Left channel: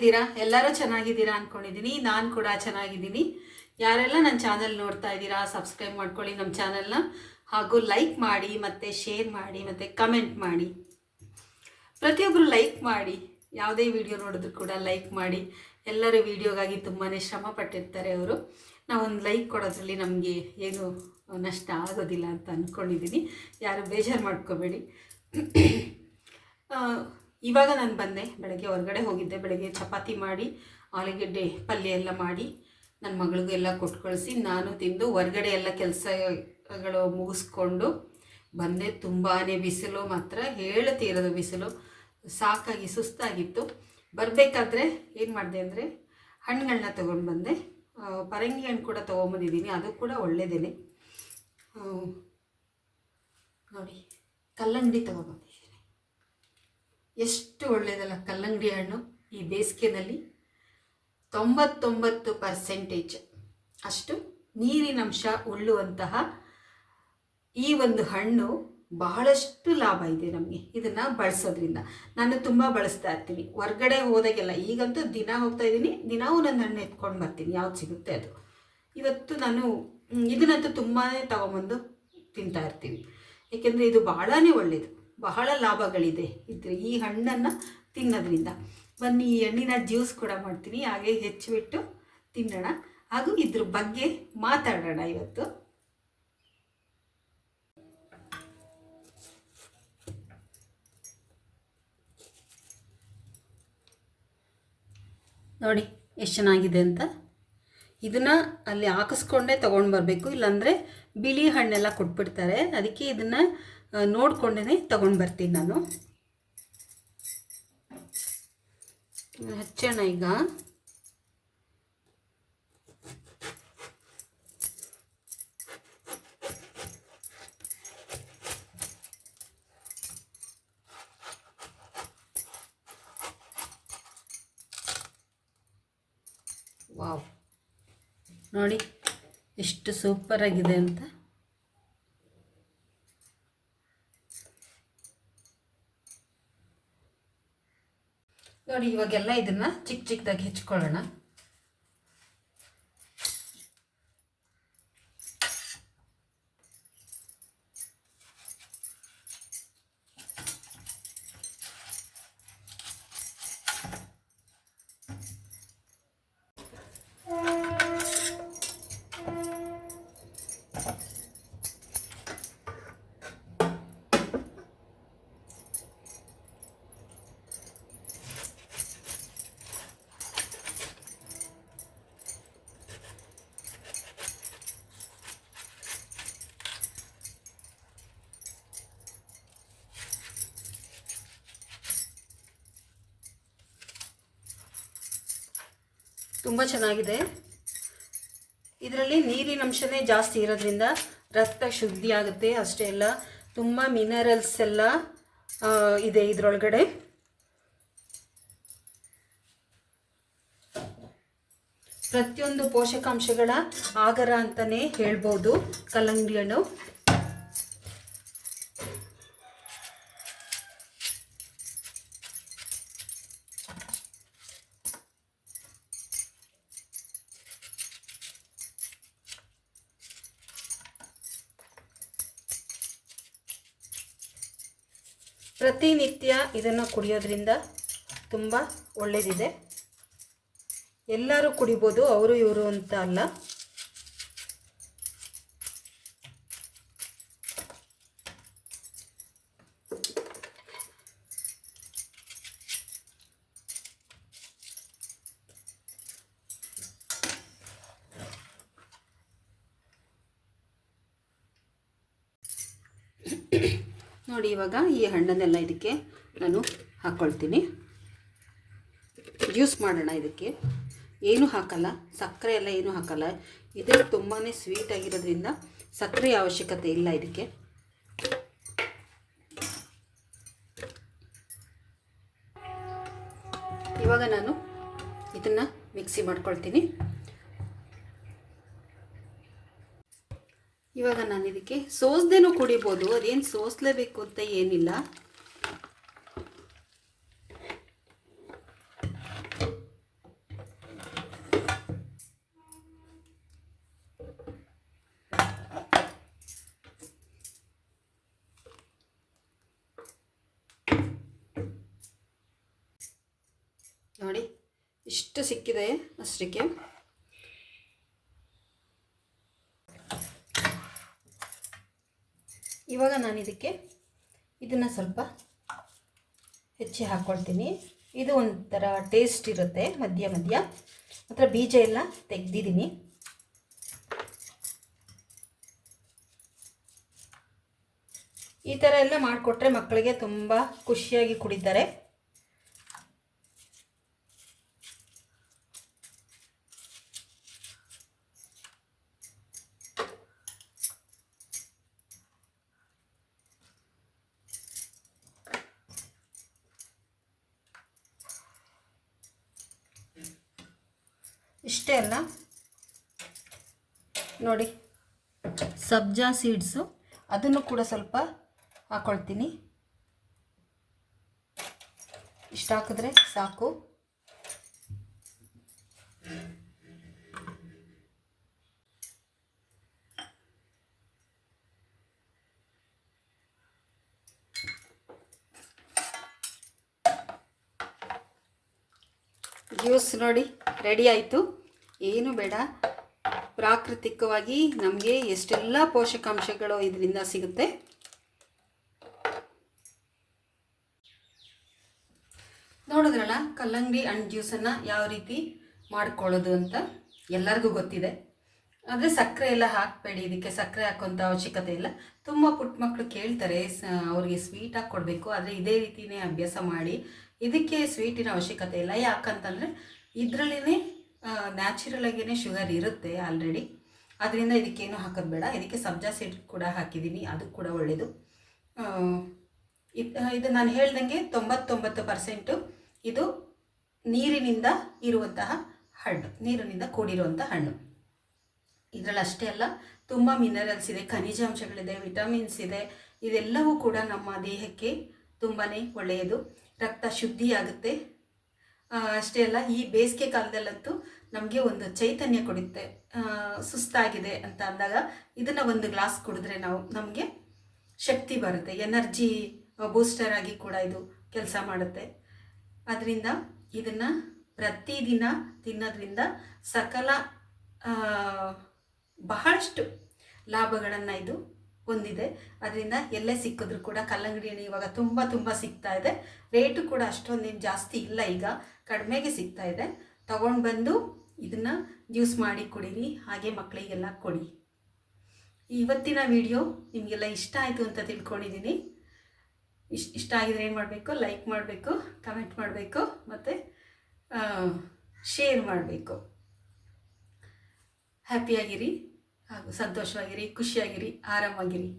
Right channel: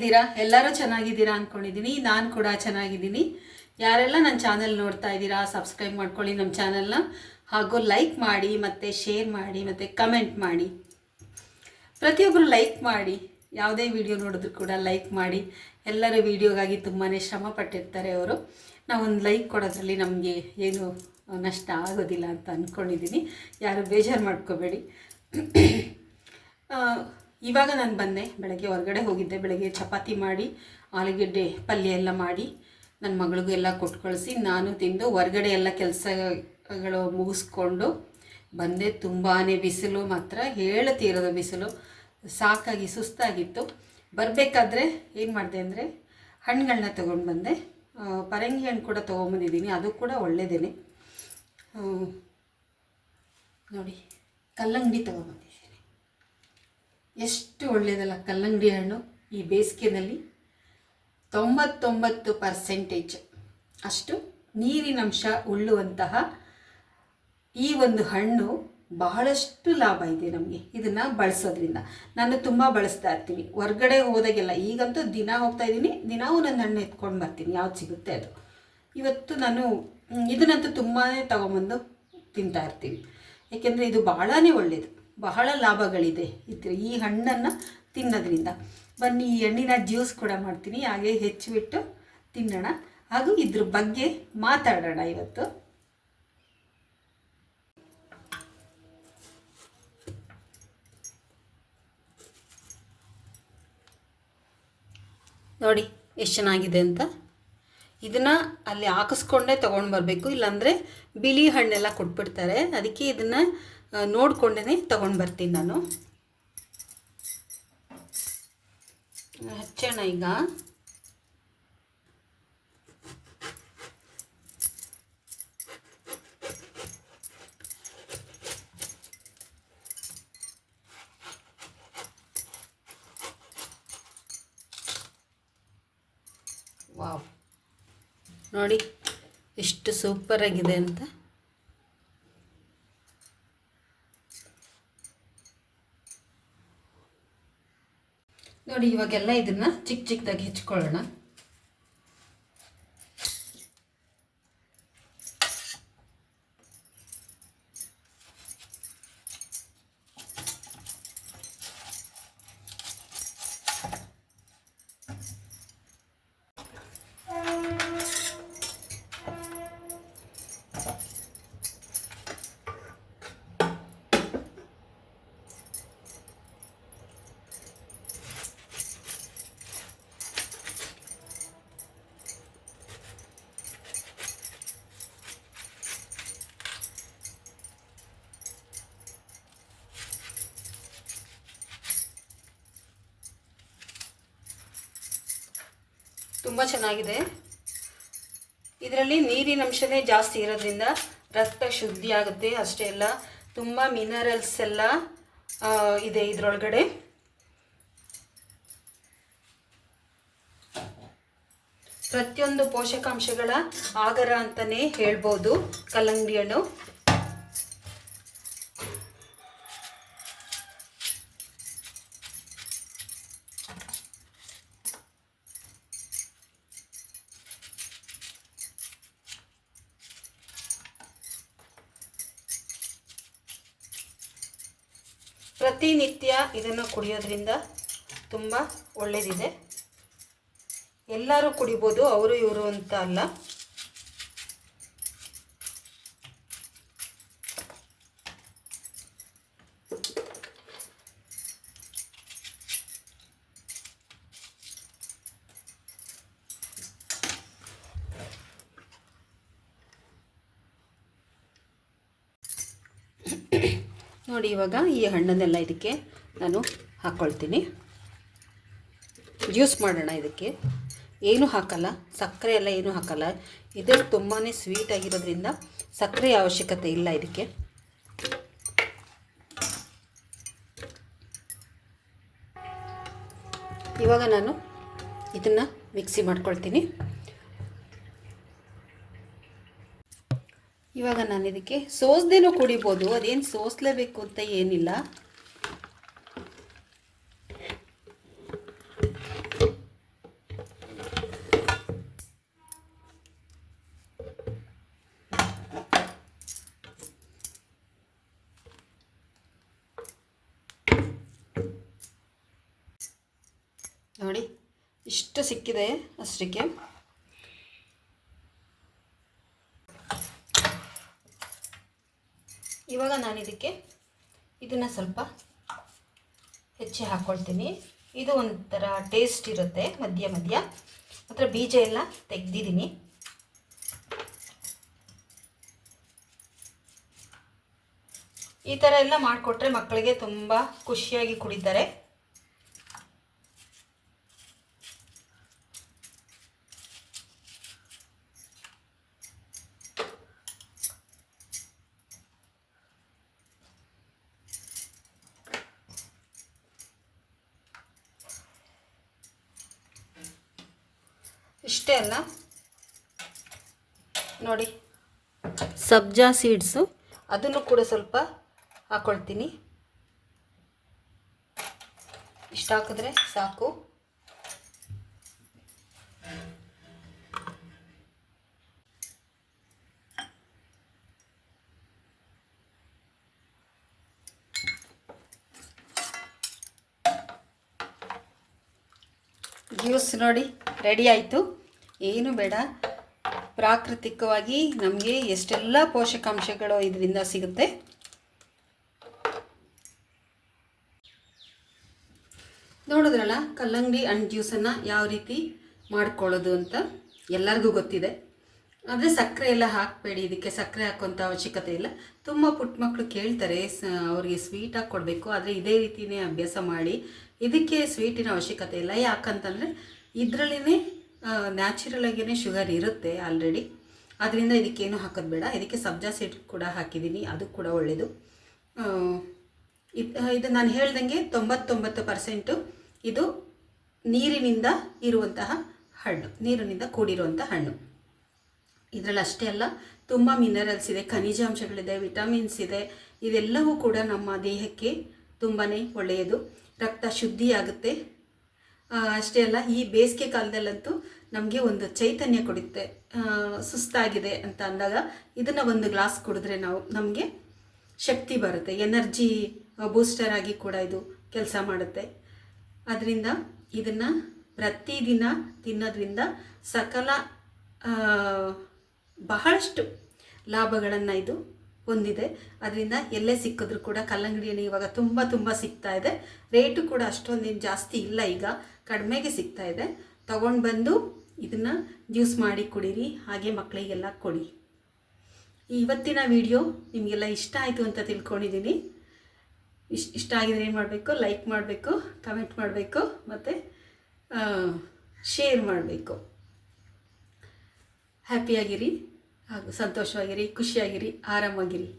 ಹೇಗಿದ್ದೀರಾ? ಎಲ್ಲರೂ ಚೆನ್ನಾಗಿದ್ದೀರಾ ಅಂದ್ಕೊಂಡಿದ್ದೀನಿ. ನಾನು ಕೂಡ ಚೆನ್ನಾಗಿದ್ದೀನಿ. ಯಾರೆಲ್ಲ ನನ್ನ ಚಾನಲ್ ನೋಡ್ತಾ ಇದ್ದೀರಾ ಸಬ್ಸ್ಕ್ರೈಬ್ ಮಾಡ್ಕೊಳ್ಳಿ ನಮ್ಮ ಚಾನಲ್ನ, ಹಾಗೂ ಲೈಕ್ ಮಾಡಿ ಮತ್ತು ಶೇರ್ ಮಾಡಿ ಮತ್ತು ಕಮೆಂಟ್ ಮಾಡಿ. ಪ್ರತಿಯೊಬ್ಬರು ಲೈಕ್ ಮಾಡಿ, ಯಾವುದೇ ವಿಡಿಯೋ ನೋಡಿದ್ರು ಕೂಡ ಲೈಕ್ ಮಾಡಿ. ಎಲ್ಲರ ವಿಡಿಯೋಗಾಗಿ ತುಂಬಾ ಶ್ರಮ ಪಟ್ಟಿರ್ತಾರೆ ಅವರು. ನಾವೊಂದು ಲೈಕ್ ಕೊಡೋದ್ರಲ್ಲಿ ನಮಗೆ ಏನು ನಷ್ಟ ಆಗೋದಿಲ್ಲ ಅಂತ ಅಂದ್ಕೊಂಡಿದ್ದೀನಿ. ಯಾರು ಬೇಜಾರು ಮಾಡ್ಕೋಬೇಡಿ. ಇವಾಗ ನಾನು ಬಂದೆ, ಬೆಳಗ್ಗೆ ಹೊರಗಡೆ ಹೋಗಿದ್ದೆ. ಬೆಳಗ್ಗೆ ಚಪಾತಿ ಮಾಡಿ ಆಲೂಗೆಡ್ಡೆ ಪಲ್ಯ ಎಲ್ಲ ಮಾಡಿ ನನ್ನ ಮಗಳಿಗೂ ಎಲ್ಲ ಕೊಟ್ಟು ಕಳಿಸಿ ನಾನು ತಿಂದು ಹೊರಗಡೆ ಎಲ್ಲ ಕೆಲಸಗಳು ಮುಗಿಸ್ಕೊಂಡು ಬಂದೆ. ತುಂಬಾ ಬಿಸಿಲು, ಮಾತ್ರ ಹೇಳ್ತೀರೋದು ಬಿಸಿಲು. ಸಾಕಾಗಿ ಸುಸ್ತಾಗಿತ್ತು. ಬರಬೇಕಾದ್ರೆ ಏನು ಮಾಡಿದೆ ಅಂದರೆ ಹಣ್ಣುಗಳನ್ನ ತೊಗೊಂಡು ಬಂದೆ. ಪರಂಗಿ ಹಣ್ಣು ಕೂಡ ತೊಗೊಂಬಂದಿದ್ದೀನಿ, ಅದು ಕೂಡ ಒಳ್ಳೆಯದೇ. ನೋಡಿ, ಕಲ್ಲಂಗಡಿ ತೊಗೊಂಬಂದಿದ್ದೀನಿ. ಎಷ್ಟು ಒಳ್ಳೆಯದಲ್ಲ ಕಲ್ಲಂಗಡಿ ಹಣ್ಣು. ಈ ಬೇಸಿಗೆನಲ್ಲಿ 99% ಅಷ್ಟು ನೀರಿನಂಶ ಉಳ್ಳುವಂತಹ ಈ ಒಂದು ಹಣ್ಣು ಬಹಳಷ್ಟು ಲಾಭ ಇದೆ ನಮಗೆ ಇದನ್ನು ಬಳಸೋದ್ರಿಂದ. ನಾನು ತುಂಬ ಬಳಸ್ತಾ ಇರ್ತೀನಿ ಹೊರ್ಗಡೆ ಹೋದಾಗೆಲ್ಲ. ಈಗಂತೂ ದಿನ ಹೋಗ್ತಾ ಇದ್ದೀನಿ, ದಿನ ಒಂದೊಂದು ಹಣ್ಣು ಎತ್ಕೊಂಡು ಬರ್ತೀನಿ, ಯಾವ್ದು ಸಿಗುತ್ತೆ ಅದು. ಇವತ್ತು ನಾನು ಇದನ್ನಂತೂ ತುಂಬಾ ತೊಗೊಂಬಂದು ತಿಂತಾ ಇರ್ತೀನಿ, ಏಕೆಂದರೆ ಇದು ಬಹಳನೇ ಒಳ್ಳೆಯದು. ಬಹಳ ಲಾಭಗಳಿದೆ ಈ ಹಣ್ಣನ್ನು ತಿನ್ನೋದ್ರಿಂದ. ಬನ್ನಿ, ಈ ಹಣ್ಣಿನ ಜ್ಯೂಸ್ ಕೂಡ ಮಾಡ್ತೀನಿ, ಹಾಗೆ ಹೆಚ್ಚಿಬಿಟ್ಟು ತಿನ್ನೋಣ, ಹಾಗೂ ಇದ್ರ ಬಗ್ಗೆ ಮಾತಾಡೋಣ ಇವತ್ತು. ನೋಡಿ ಎಷ್ಟು ಚೆನ್ನಾಗಿದೆ ಅಂತ. ಇದನ್ನು ಅಲ್ಲಿ ಹಾಕಿಸ್ಕೊಂಡೇ ತೊಗೊಂಡು ಬರಬೇಕು, ಇಲ್ಲಾಂದರೆ ಬಿಳಿ ಹಣ್ಣೆಲ್ಲ ಕೊಟ್ಬಿಡ್ತಾರೆ. ಅದಕ್ಕೆ ಇದನ್ನು ನೋಡಿಕೊಂಡೇ ತೊಗೊಂಡು ಬರ್ತೀನಿ ನಾನು. ಹಚ್ಚೋಣ ಈಗ. ವಾವ್, ನೋಡಿ ಎಷ್ಟು ಸೂಪರಾಗಿದೆ ಅಂತ. ನೋಡಿ, ಇವಾಗೆಲ್ಲ ಇದನ್ನು ಚಿಕ್ಕ ಚಿಕ್ಕದಾಗಿ ಹೆಚ್ಕೊಳ್ಳೋಣ. ತುಂಬ ಚೆನ್ನಾಗಿದೆ. ಇದರಲ್ಲಿ ನೀರಿನಂಶನೇ ಜಾಸ್ತಿ ಇರೋದ್ರಿಂದ ರಕ್ತ ಶುದ್ಧಿ ಆಗುತ್ತೆ. ಅಷ್ಟೇ ಅಲ್ಲ, ತುಂಬ ಮಿನರಲ್ಸ್ ಎಲ್ಲ ಇದೆ ಇದರೊಳಗಡೆ. ಪ್ರತಿಯೊಂದು ಪೋಷಕಾಂಶಗಳ ಆಗರ ಅಂತಲೇ ಹೇಳ್ಬೋದು ಕಲ್ಲಂಗಡಿ ಹಣ್ಣು. ಪ್ರತಿನಿತ್ಯ ಇದನ್ನು ಕುಡಿಯೋದ್ರಿಂದ ತುಂಬ ಒಳ್ಳೆಯದಿದೆ. ಎಲ್ಲರೂ ಕುಡಿಬೋದು, ಅವರು ಇವರು ಅಂತ ಅಲ್ಲ. ನೋಡಿ, ಇವಾಗ ಈ ಹಣ್ಣನ್ನೆಲ್ಲ ಇದಕ್ಕೆ ನಾನು ಹಾಕ್ಕೊಳ್ತೀನಿ. ಜ್ಯೂಸ್ ಮಾಡೋಣ. ಇದಕ್ಕೆ ಏನೂ ಹಾಕಲ್ಲ, ಸಕ್ಕರೆ ಎಲ್ಲ ಏನೂ ಹಾಕಲ್ಲ. ಇದು ತುಂಬಾ ಸ್ವೀಟ್ ಆಗಿರೋದ್ರಿಂದ ಸಕ್ಕರೆ ಅವಶ್ಯಕತೆ ಇಲ್ಲ ಇದಕ್ಕೆ. ಇವಾಗ ನಾನು ಇದನ್ನು ಮಿಕ್ಸಿ ಮಾಡ್ಕೊಳ್ತೀನಿ. ಇವಾಗ ನಾನು ಇದಕ್ಕೆ ಸೋಸ್ದೇನೂ ಕುಡಿಬೋದು, ಅದೇನು ಸೋಸಲೇಬೇಕು ಅಂತ ಏನಿಲ್ಲ. ಎಷ್ಟು ಸಿಕ್ಕಿದೆ ಅಷ್ಟಕ್ಕೆ. ಇವಾಗ ನಾನು ಇದನ್ನು ಸ್ವಲ್ಪ ಹೆಚ್ಚಿ ಹಾಕ್ಕೊಳ್ತೀನಿ. ಇದು ಒಂಥರ ಟೇಸ್ಟ್ ಇರುತ್ತೆ. ಮಧ್ಯ ಮಾತ್ರ ಬೀಜ ಎಲ್ಲ ತೆಗೆದಿದ್ದೀನಿ. ಈ ಥರ ಎಲ್ಲ ಮಾಡಿಕೊಟ್ರೆ ಮಕ್ಕಳಿಗೆ ತುಂಬ ಖುಷಿಯಾಗಿ ಕುಡಿತಾರೆ. ಇಷ್ಟೇ ಅಲ್ಲ ನೋಡಿ, ಸಬ್ಜಾ ಸೀಡ್ಸು ಅದನ್ನು ಕೂಡ ಸ್ವಲ್ಪ ಹಾಕ್ಕೊಳ್ತೀನಿ. ಇಷ್ಟು ಹಾಕಿದ್ರೆ ಸಾಕು. ಜ್ಯೂಸ್ ನೋಡಿ ರೆಡಿ ಆಯಿತು. ಏನು ಬೇಡ, ಪ್ರಾಕೃತಿಕವಾಗಿ ನಮಗೆ ಎಷ್ಟೆಲ್ಲ ಪೋಷಕಾಂಶಗಳು ಇದರಿಂದ ಸಿಗುತ್ತೆ. ನೋಡಿದ್ರಲ್ಲ, ಕಲ್ಲಂಗಡಿ ಹಣ್ಣು ಜ್ಯೂಸನ್ನು ಯಾವ ರೀತಿ ಮಾಡ್ಕೊಳ್ಳೋದು ಅಂತ ಎಲ್ಲರಿಗೂ ಗೊತ್ತಿದೆ. ಆದರೆ ಸಕ್ಕರೆ ಎಲ್ಲ ಹಾಕಬೇಡಿ, ಇದಕ್ಕೆ ಸಕ್ಕರೆ ಹಾಕೋಂಥ ಅವಶ್ಯಕತೆ ಇಲ್ಲ. ತುಂಬ ಪುಟ್ಟ ಮಕ್ಕಳು ಕೇಳ್ತಾರೆ ಅವ್ರಿಗೆ ಸ್ವೀಟ್ ಹಾಕಿ ಕೊಡಬೇಕು, ಆದರೆ ಇದೇ ರೀತಿಯೇ ಅಭ್ಯಾಸ ಮಾಡಿ. ಇದಕ್ಕೆ ಸ್ವೀಟಿನ ಅವಶ್ಯಕತೆ ಇಲ್ಲ. ಯಾಕಂತಂದರೆ ಇದರಲ್ಲೇ ನ್ಯಾಚುರಲ್ ಆಗಿಯೇ ಶುಗರ್ ಇರುತ್ತೆ ಆಲ್ರೆಡಿ. ಅದರಿಂದ ಇದಕ್ಕೇನು ಹಾಕೋದು ಬೇಡ. ಇದಕ್ಕೆ ಸಬ್ಜಾ ಸೀಡ್ ಕೂಡ ಹಾಕಿದ್ದೀನಿ, ಅದು ಕೂಡ ಒಳ್ಳೆಯದು. ಇದು ನಾನು ಹೇಳ್ದಂಗೆ 99% ಇದು ನೀರಿನಿಂದ ಇರುವಂತಹ ಹಣ್ಣು, ನೀರಿನಿಂದ ಕೂಡಿರುವಂಥ ಹಣ್ಣು. ಇದರಲ್ಲಿ ಅಷ್ಟೇ ಅಲ್ಲ, ತುಂಬ ಮಿನರಲ್ಸ್ ಇದೆ, ಖನಿಜಾಂಶಗಳಿದೆ, ವಿಟಮಿನ್ಸ್ ಇದೆ. ಇದೆಲ್ಲವೂ ಕೂಡ ನಮ್ಮ ದೇಹಕ್ಕೆ ತುಂಬಾ ಒಳ್ಳೆಯದು. ರಕ್ತ ಶುದ್ಧಿಯಾಗುತ್ತೆ. ಅಷ್ಟೇ ಅಲ್ಲ, ಈ ಬೇಸಿಗೆ ಕಾಲದಲ್ಲಂತೂ ನಮಗೆ ಒಂದು ಚೈತನ್ಯ ಕೊಡುತ್ತೆ. ಸುಸ್ತಾಗಿದೆ ಅಂತ ಅಂದಾಗ ಇದನ್ನು ಒಂದು ಗ್ಲಾಸ್ ಕುಡಿದ್ರೆ ನಮಗೆ ಶಕ್ತಿ ಬರುತ್ತೆ. ಎನರ್ಜಿ ಬೂಸ್ಟರ್ ಆಗಿ ಕೂಡ ಇದು ಕೆಲಸ ಮಾಡುತ್ತೆ. ಅದರಿಂದ ಇದನ್ನು ಪ್ರತಿದಿನ ತಿನ್ನೋದ್ರಿಂದ ಸಕಲ ಬಹಳಷ್ಟು ಲಾಭಗಳನ್ನು ಇದು ಹೊಂದಿದೆ. ಅದರಿಂದ ಎಲ್ಲೇ ಸಿಕ್ಕಿದ್ರು ಕೂಡ ಕಲ್ಲಂಗಡಿ ಹಣ್ಣು ಇವಾಗ ತುಂಬ ಸಿಗ್ತಾ ಇದೆ. ರೇಟು ಕೂಡ ಅಷ್ಟೊಂದೇನು ಜಾಸ್ತಿ ಇಲ್ಲ, ಈಗ ಕಡಿಮೆಗೆ ಸಿಗ್ತಾ ಇದೆ. ತಗೊಂಡು ಬಂದು ಇದನ್ನು ಜ್ಯೂಸ್ ಮಾಡಿ ಕುಡೀರಿ, ಹಾಗೆ ಮಕ್ಕಳಿಗೆಲ್ಲ ಕೊಡಿ. ಇವತ್ತಿನ ವಿಡಿಯೋ ನಿಮಗೆಲ್ಲ ಇಷ್ಟ ಆಯಿತು ಅಂತ ತಿಳ್ಕೊಂಡಿದ್ದೀನಿ. ಇಷ್ಟ ಆಗಿದ್ರೆ ಏನು ಮಾಡಬೇಕು, ಲೈಕ್ ಮಾಡಬೇಕು, ಕಮೆಂಟ್ ಮಾಡಬೇಕು, ಮತ್ತು ಶೇರ್ ಮಾಡಬೇಕು. ಹ್ಯಾಪಿಯಾಗಿರಿ, ಹಾಗೂ ಸಂತೋಷವಾಗಿರಿ, ಖುಷಿಯಾಗಿರಿ, ಆರಾಮಾಗಿರಿ.